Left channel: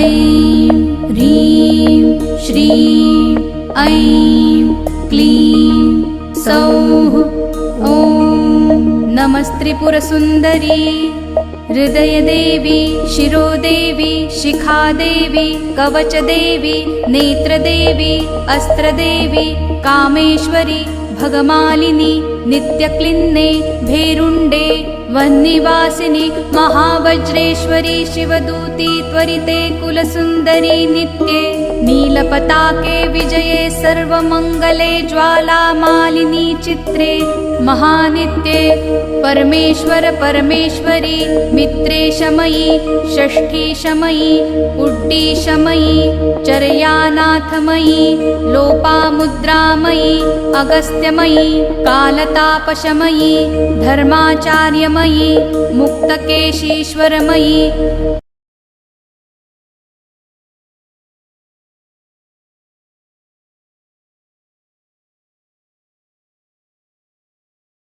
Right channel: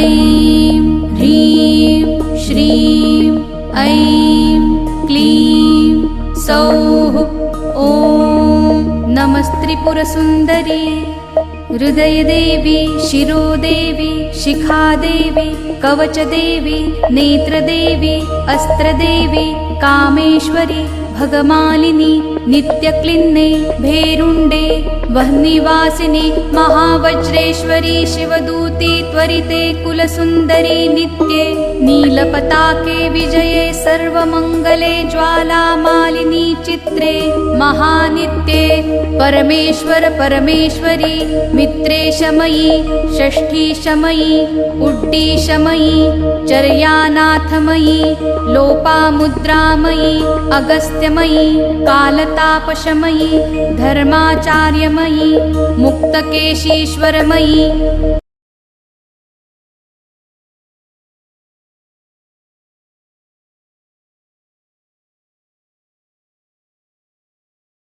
ऐं ह्रीं श्रीं ऐं क्लीं सौः ॐ नमस्त्रिपुरसुन्दरी हृदयदेवी शिरोदेवी शिखादेवी कवचदेवी नेत्रदेवी अस्त्रदेवी कामेश्वरी भगमालिनी नित्यक्लिन्ने भेरुण्डे वह्निवासिनी महावज्रेश्वरी शिवदूती त्वरिते कुलसुन्दरी नित्ये नीलपताके विजये सर्वमङ्गले ज्वालामालिनी चित्रे महानित्ये परमेश्वर परमेश्वरी मित्रेशमयी षष्ठीशमयी उड्डीशमयी चर्यानाथमयी लोपामुद्रामयी अगस्त्यमयी कालतापशमयी धर्माचार्यमयी मुक्तकेशीश्वरमयी